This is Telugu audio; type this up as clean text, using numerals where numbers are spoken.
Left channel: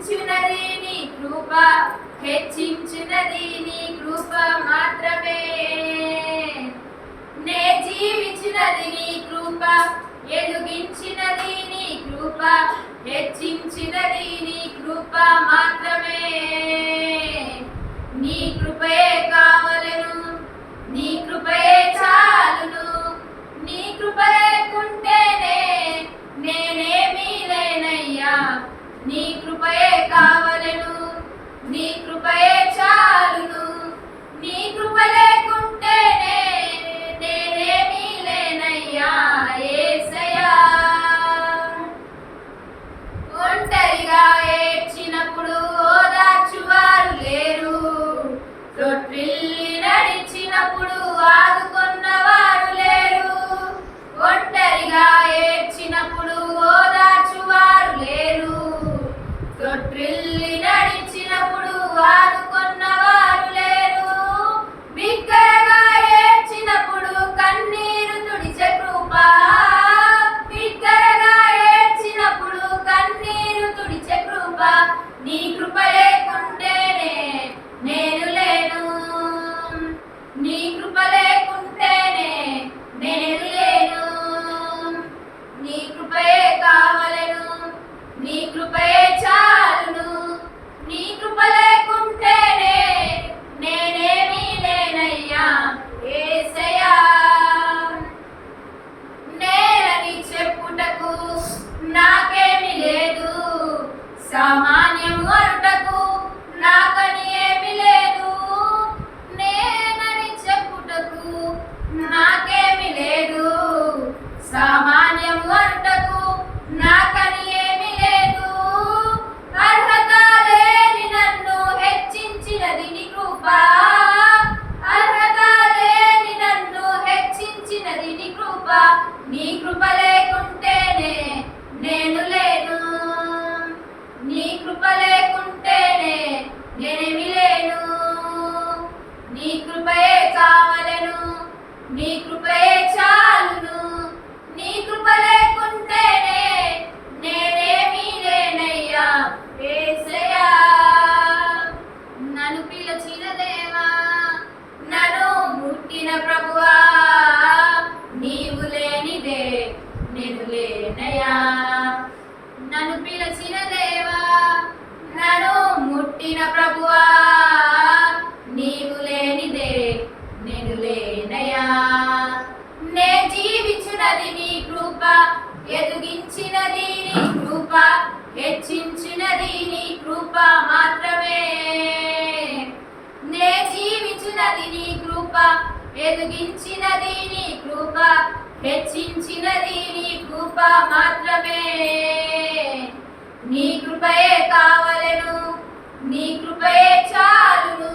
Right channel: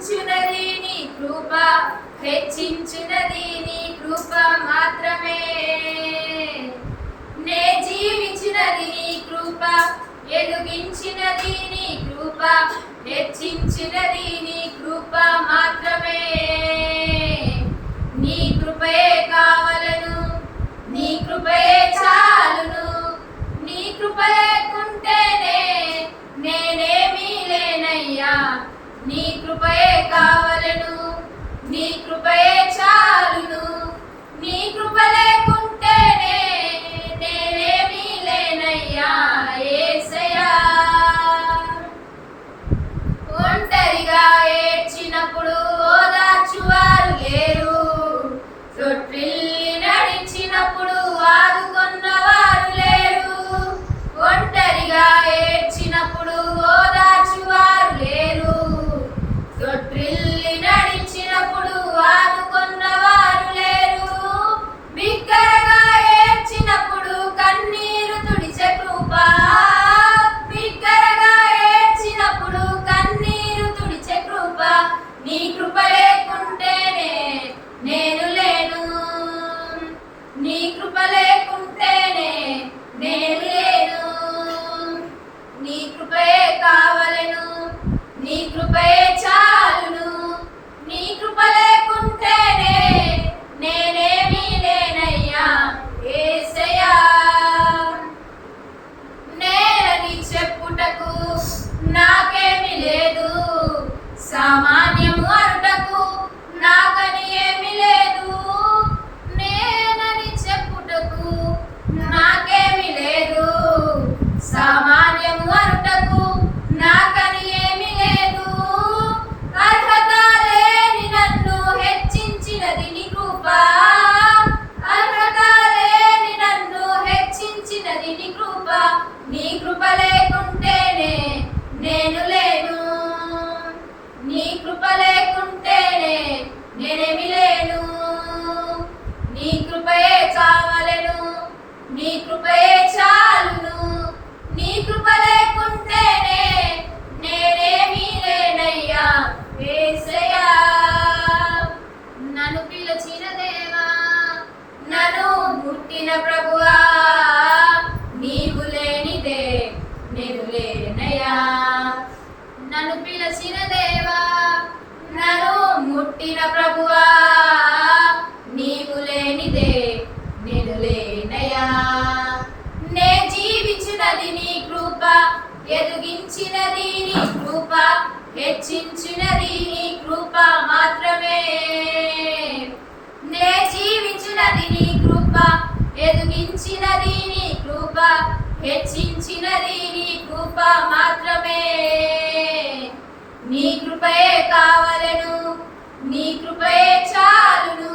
హెచ్చించునది నీ కృప, హెచ్చించునది నీ కృప మాత్రమే. నే జీవించినది నీ కృప, ఎదుగించినది నీ కృప, హెచ్చించినది నీ కృప మాత్రమే. నీ కృపయే కావలను, నీ కృపయే చాలును. నీ కృప లేకుంటేనే నేనేమీ లేనయ్యా. నీ కృపయే కావలను, నీ కృపయే చాలును. నీ కృప లేకుంటేనే నేనేమీ లేనయ్యా యేసయ్యా. ఒంటరిగా ఏడ్చినప్పుడు ఓదార్చువారు లేరు, రొట్టిల్లి నడిచినప్పుడు ఆదుకొన్నవారు లేరు. ఒంటరిగా ఏడ్చినప్పుడు ఓదార్చువారు లేరు, రొట్టిల్లి నడిచినప్పుడు ఆదుకొన్నవారు లేరు. బిగ్గరగా ఏడ్చినప్పుడు కన్నీరు తుడిచే కృప, బిగ్గరగా ఏడ్చినప్పుడు కన్నీరు తుడిచే కృప. నీ కృప లేకుంటేనే నేను లేను, నీ కృప లేకుంటేనే నేను లేను. నీ కృపయే కావలను, నీ కృపయే చాలును. నీ కృప లేకుంటేనే నేనేమీ లేనయ్యా యేసయ్యా. నేనని చెప్పుటకు నాకేమీ లేదు, సామాన్యము అనుటకు నాకని ఏమీ లేదు. నేనని చెప్పుటకు నాకేమీ లేదు, సామాన్యము అనుటకు నాకని ఏమీ లేదు. అర్హత లేని నన్ను హెచ్చించినది నీ కృప, అర్హత లేని నన్ను హెచ్చించినది నీ కృప. నీ కృప లేకుంటేనే నేను లేను, నీ కృప లేకుంటేనే నేనేమి లేను. నీ కృపయే కావలను, నీ కృపయే చాలును. నీ కృప లేకుంటేనే నేనేమీ లేనయ్యా యేసయ్యా. నన్ను పిలిచిన దేవా, నన్ను ముట్టిన ప్రభువా, నీవు లేనిదే నేను లేనయ్యా. నన్ను పిలిచిన దేవా, నన్ను ముట్టిన ప్రభువా, నీవు లేనిదే నేను లేనయ్యా. నే జీవించినది నీ కృప, ఎదిగించినది నీ కృప, హెచ్చించినది నీ కృప మాత్రమే. నే జీవించినది నీ కృప, ఎదిగించినది నీ కృప, హెచ్చించినది నీ కృప మాత్రమే. నీ కృపయే కావలను, నీ కృపయే చాలును.